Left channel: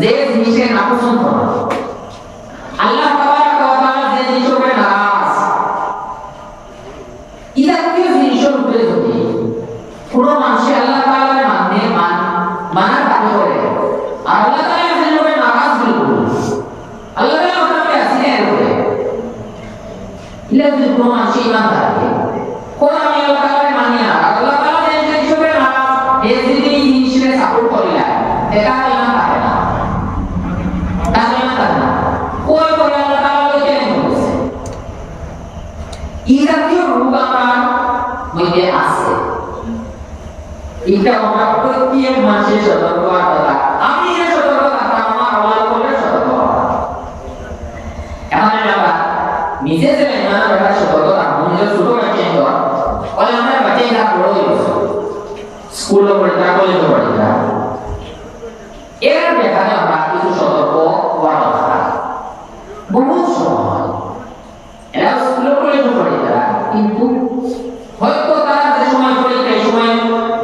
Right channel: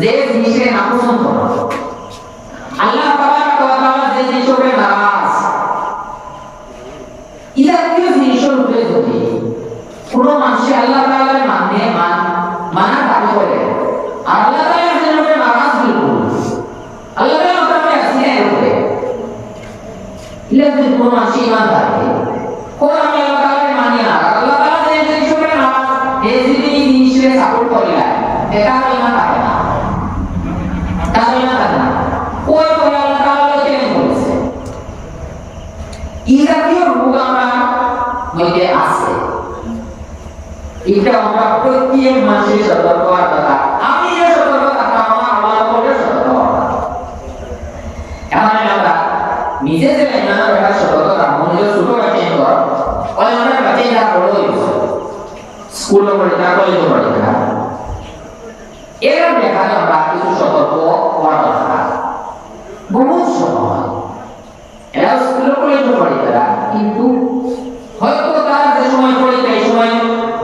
যে জিনিসের নাপসন্দ করে আল্লাহ তাবারাক ওয়া তাআলা যে জিনিসকে নারাজ এই জাতীয় জিনিসের উপরে যদি, কোনো মানুষে আল্লাহ তাআলার মানে মান মানার দাবি করে আর আল্লাহ তাআলা এর উপরে নারাজ বিলকুল আল্লাহ তাআলা তাকে এর উপরে। ইলা যদি কোনো মানুষ ইমান থাকে কোন আমি আল্লাহ তাআলার মানি আর আল্লাহ তাআলা যে জিনিসকে নারাজ এই জিনিসকে সাপোর্ট করিলা এটা ইমান থাকে না তাহলে ইমান থাকে না কোন করে আল্লাহ তাআলা চ্যালেঞ্জ করেছে এই জাতীয় রোগ আমরা মধ্যে আছে এটা আমরা প্রত্যেক মাসে সতর্ক থাকা আমি যে সতর্ক থাকা আমার আল্লাহ করে সতর্ক এখন আমরা নিজে যে না রাখা সতর্ক থাকব নিজের ছোট বাচ্চা ঘর বলে, আমরা বাচ্চা যা বড় স্কুলে যা কলেজে যা এর ব্যাপারে আমরা কিছু সতর্ক হওয়ার কথা বহুত সময় এরা স্কুলে কলেজে পড়ে তারা কিন্তু হয়তো তারা যে সময় পড়ে এই সময়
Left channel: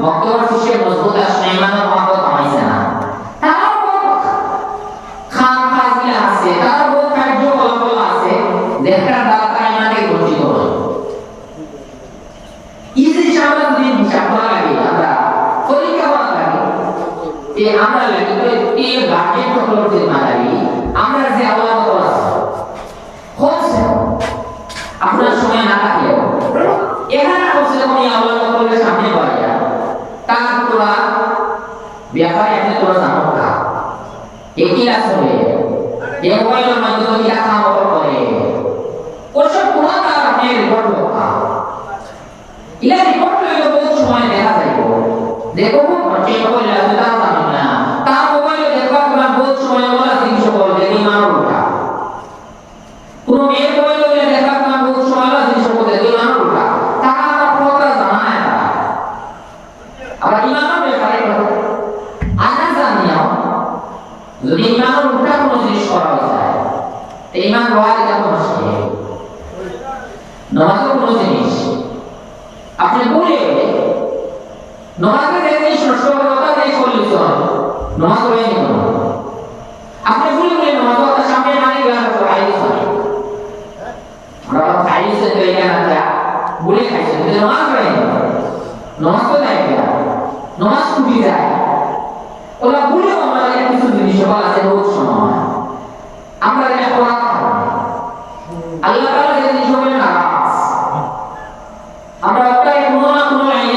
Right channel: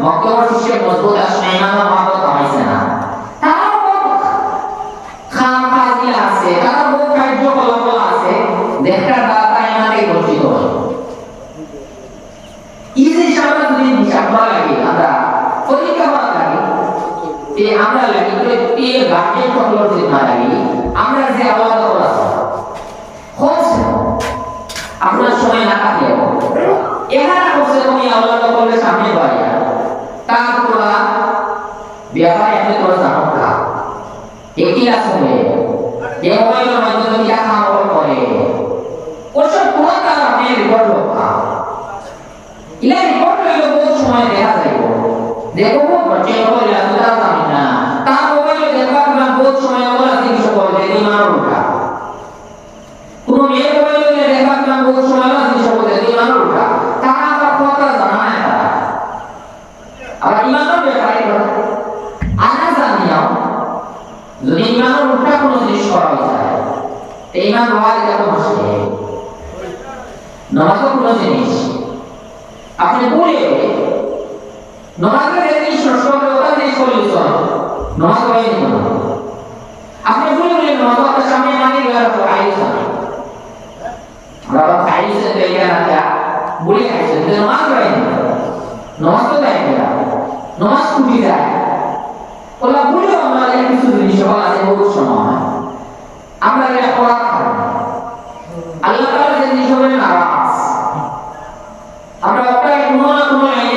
মক্তবার শিষ্যে মজবুত আসে ইমান মহাব্বত হয়েছে না তারাও খাম খাজগুলা আছে তারাও বহু কার্যকলাপ আছে দেখার দ্বারা থেকে বঞ্চিত হয় জিনিস আমরা যদি হিসাব লাগে আমরা পরীক্ষা করা লাগে যে আমরা লাগে প্রত্যেক গার্জেন সকলের যে লাগে আমরা যে আল্লাহ আছে। হচ্ছে, আপনার সময় না থাকলেও, এখানে হচ্ছে তুমি আল্লাহ সকলের সামনে পাইয়া তার তোরা ব্যাপারে আপনি তোরা জানো কা একই আসলে মোবাইলের মাধ্যমে কিরা কাম করে ওসব পুরো তার আপনি রিপোর্ট লোকা ইলা রিপোর্ট লইলে বহুত সময় দেখা যাইব দেখো বচ্চে মোবাইল আছে তার জানি না তার মোবাইলে দেখবা আপনার বহুত সময় ওলা জিনিস বলবে ইমান উল্টা কোনো মেয়ের মোবাইলে গেলে দেখবা আপনার বহুত সময় ওলা জিনিস বলবে ইমান উল্টা তারা আবার কথা জানা না তারা আবার ইমানের ব্যাপারে আনা জানিয়াও যদি ইমানের উল্টা কোনো জিনিস করা যায় তো ইমান হওয়া এটা মুশকিল নমাজও কোনো জিনিস আপনি বলে নমাজের যে জিনিস নষ্ট করে ওটা জিনিস করলে চলে, নমাজ হয়ে নিল আপনি বলে বলে নমাজ ওটা সামনে মানে গেলে তো চলে আমরা খাইছে তো এখানে না বলে খাইছে কিন্তু নমাজ হয়ে নিল নমাজ তো দেয় না। নমাজ ছুটি যায় ওরা বলে আমরা এখানে কিছু জিনিস আছে, বহুত সময়। আমরা এটা করা আল্লাহ তাআলা যে জিনিস হবে নারাজ আমরা ওটাই কোনো না কোনো লাইনে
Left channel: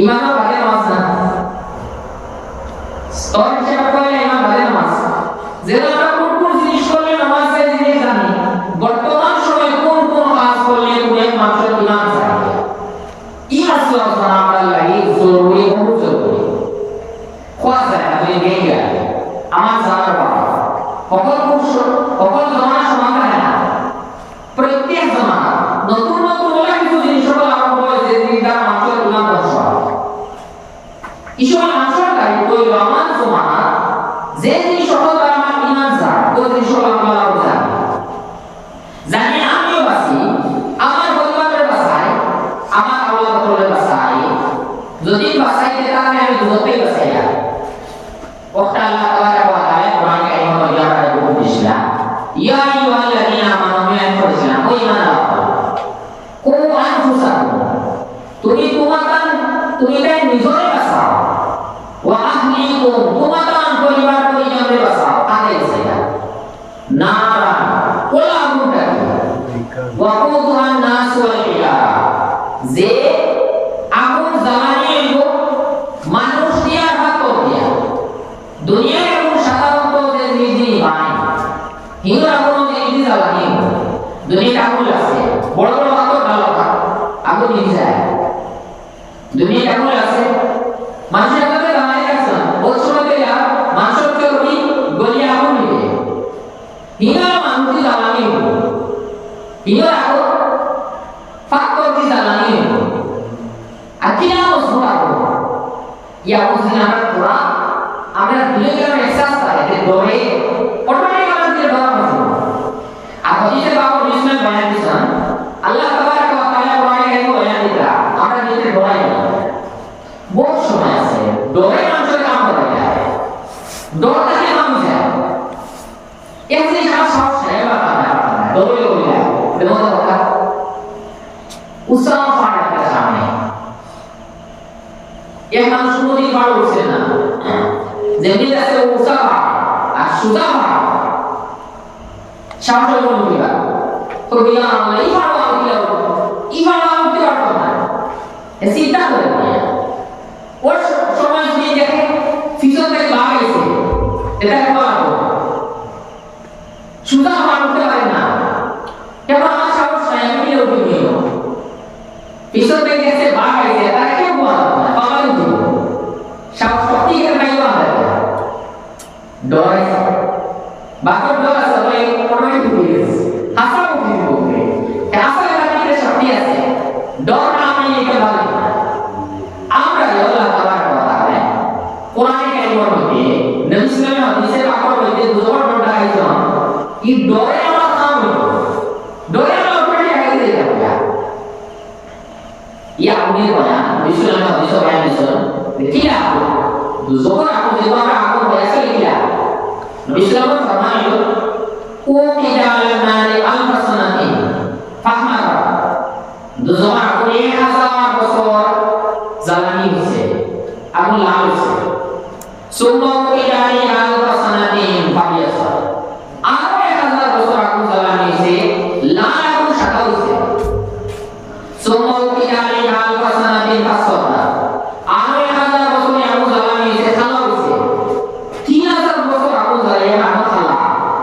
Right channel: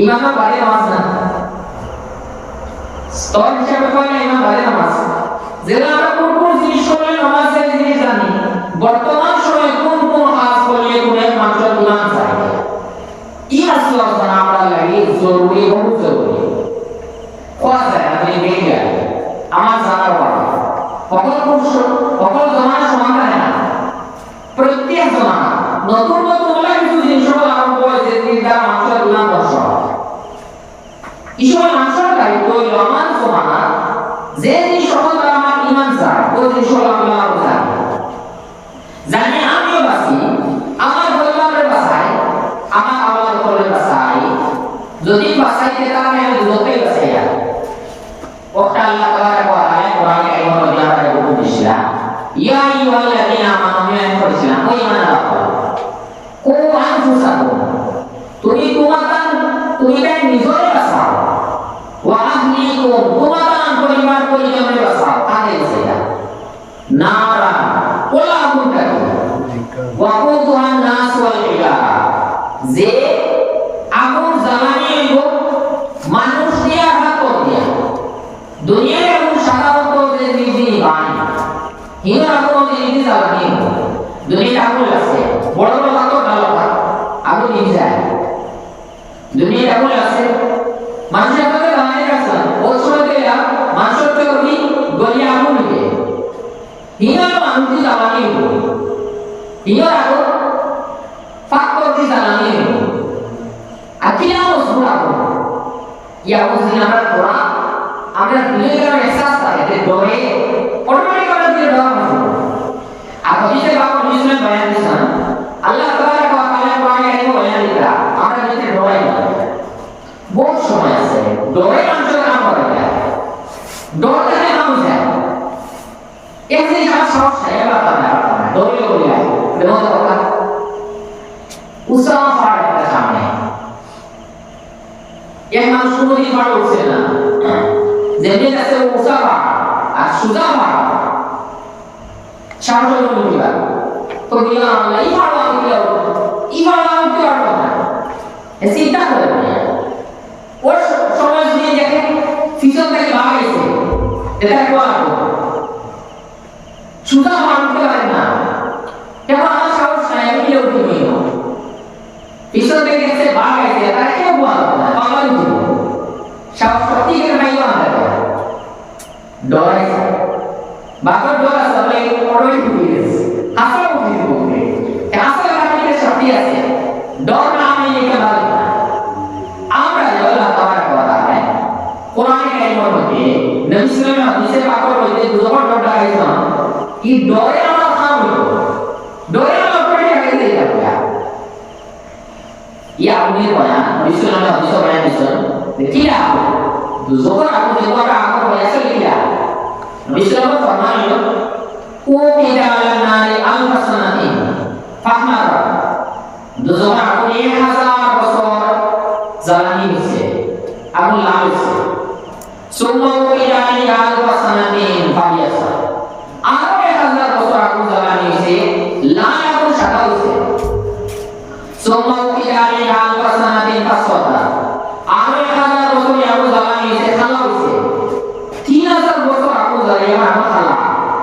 ইমানও বাড়ে নামাজ না। স্তর হিসেবে করলে ইমান বাড়ে নামাজ। আমরা কোন কোন জিনিস করলে নামাজ যায় জিনিস জানি। বর্তমান সময়ে কোন কোন কাজ করলে কোন এক মানুষের ইমান যায়। এই মাসলা জানা আমরা লাগে জরুরি বহুত জরুরি। খোয়া যায়, আপনি গেই যায় আমার জানার কথা সকল পুরুষ, সকল জমানা সমান থাকে না। প্রত্যেক জমানা নতুন নতুন হলে কিছু জিনিস সকল আরম্ভ হয় যে জিনিসটা মানুষের ইমান ধ্বংস হয় এই সময় কইল আমার জমানা, যে জিনিস দ্বারা আমার ইমান যায় ওই জিনিস সকল আমার যায় জানি আমিও বাঁচি, আমার পরিবারের বাঁচাই আমার আওয়াজ করে বাঁচাই যদি বাঁচাইতে তাহলে আমি দূরতেই বাঁচাই নারা ওলা আগুনটাকে ওয়াকুদুহা নাস ওয়াল হিজারা যে আগুন জ্বালানি হইব মানুষ দিয়া হাত দিয়া। দুনিয়ার আগুন সাধারণত যে নিজে বাই হিন্দু আগুন নিজে জ্বালানি দুনিয়ার আগুন আছে। বড় বড় হাত ভালো আগুন নিয়ে যায় দুনিয়ার আগুন আছে। মানুষের মানুষ জ্বালানি হইব হিঙার আগো faktor di jalani akhirnya aku suruh aku. Ya, aku sini আমরা পুরা আমরা দিলে গ্রামে এহসাস পাই যে ডরে অটোমেটিক আমরা দিয়ে ডর মতো আর হদিসে বাবু ইসলাম বয়ান দিছেন আল্লাহ তাআলা কোরআনে বয়ান দিতা আমরা যদি ডরাই না সময় আছে ডরে মানুষের কাম করে না ডর দেখে মানুষ যায় এক জিনিস আমার সাহস নাই এবার ডরে বলি দেখো কথা উসামা পাহাড় একটা সামনে এক মানুষ কোনোদিন পাহাড় উঠছে না যেমনি যাচ্ছে উষা পাহাড় আর সুজা পাহাড় সামনে কোনো উঠিবা তো এই পাহাড় আমি গিয়া এই পাহাড় আমি উঠতে পারব না চিন্তা করে ডর আছে বাঘর ডর আছে বলে অটোমেটিক উঠে গেছে হাসা উঠে উঠে হাসা লাগাতে গেলে শক্তি আছে ডর না আমি এটা ভালো আমরা আল্লাহ তাআলা কথা है কোরআনে কারিমের মধ্যে নবী সাল্লাল্লাহু আলাইহি হাদিসে পাকের মধ্যে দুবার ডর দেখাইছেন এই ডরে আমার কাম হইতো ডরে আমার অটোমেটিক হয়ে যায় Ia aku ni banyak, disuruh nak disuruh banyak disuruh. Kila aku, aku banyak sekali kila. Nabi Sallallahu Alaihi Wasallam itu, Umi dalam nari al fasanati, fahmar. Disuruh aku ni hazar bosor zalani usse, aku lalu usse. Summa umi dari al fasanati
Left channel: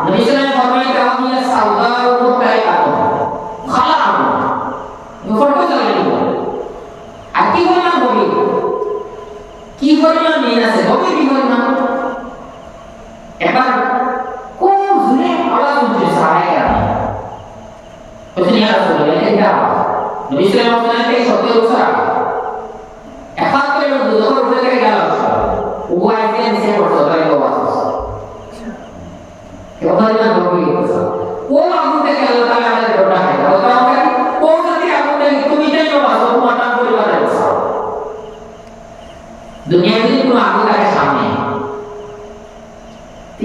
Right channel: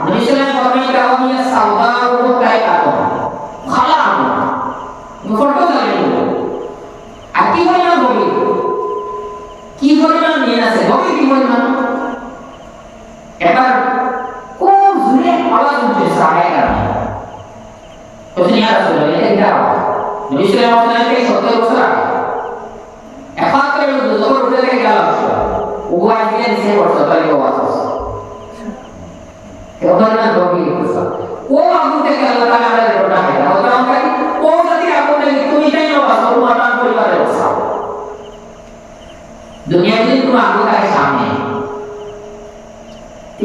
নবী সাল্লাল্লাহু আলাইহি ওয়াসাল্লাম ফরমাইয়া সাউদা ও মুকাই কাকো খালা Abu photo জালামি আর কি পরিমাণ বলি কি পরিমাণ নিয়ে আছে বলি কি পরিমাণ এবার কোন জুড়ে আওয়াজ উঠছে সাহায্য করা Kau ni ada sudah ini tidak. Nabi Sallallahu Alaihi Wasallam সত্তর বছর আগে ও আগুন থেকে আল্লাহ তাআলা আমাদের গোটা খেয়ে ওটা আমাকে ও যদি আগুন থেকে তুমি তাই ও আছো? তোমার নাম পরিবারে বসা দুনিয়া যদি কোনো আগুন থাকে সামনে,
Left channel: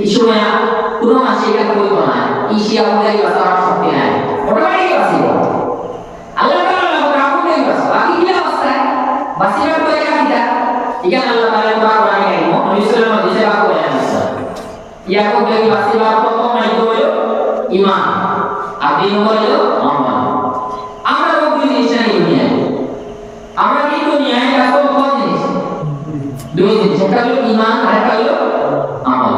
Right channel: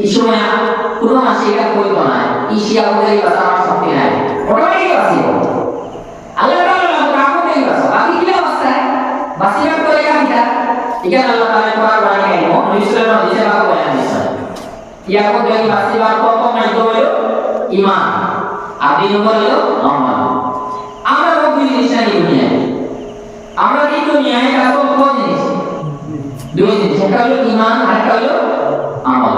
এই সময় কোনো মাসে এটা কইতো না। ইসি আগুন থেকে বাঁচা আমার শক্তি নাই। অটোমেটিক বাঁচিব আল্লাহ তাআলা আগুন থেকে বাঁচা বাকি কিলা বাঁচা বাঁচিবার পরে কাহিটা এখানে আল্লাহ তাআলা কোরআন বাণী আইব নবী সাল্লাল্লাহু আলাইহি ওয়াসাল্লাম বয়ান দিয়েছেন ইয়াকুব থেকে বাসিবার প্রথম মাইক হলো ঈমান আর দুই নম্বর হলো আমল আমরা কোন জিনিস জানি দুনিয়ায় আমরা কি দুনিয়ায় আসল কোন জিনিস দুই জিনিস একটা হলো ঈমান আর একটা হলো আমল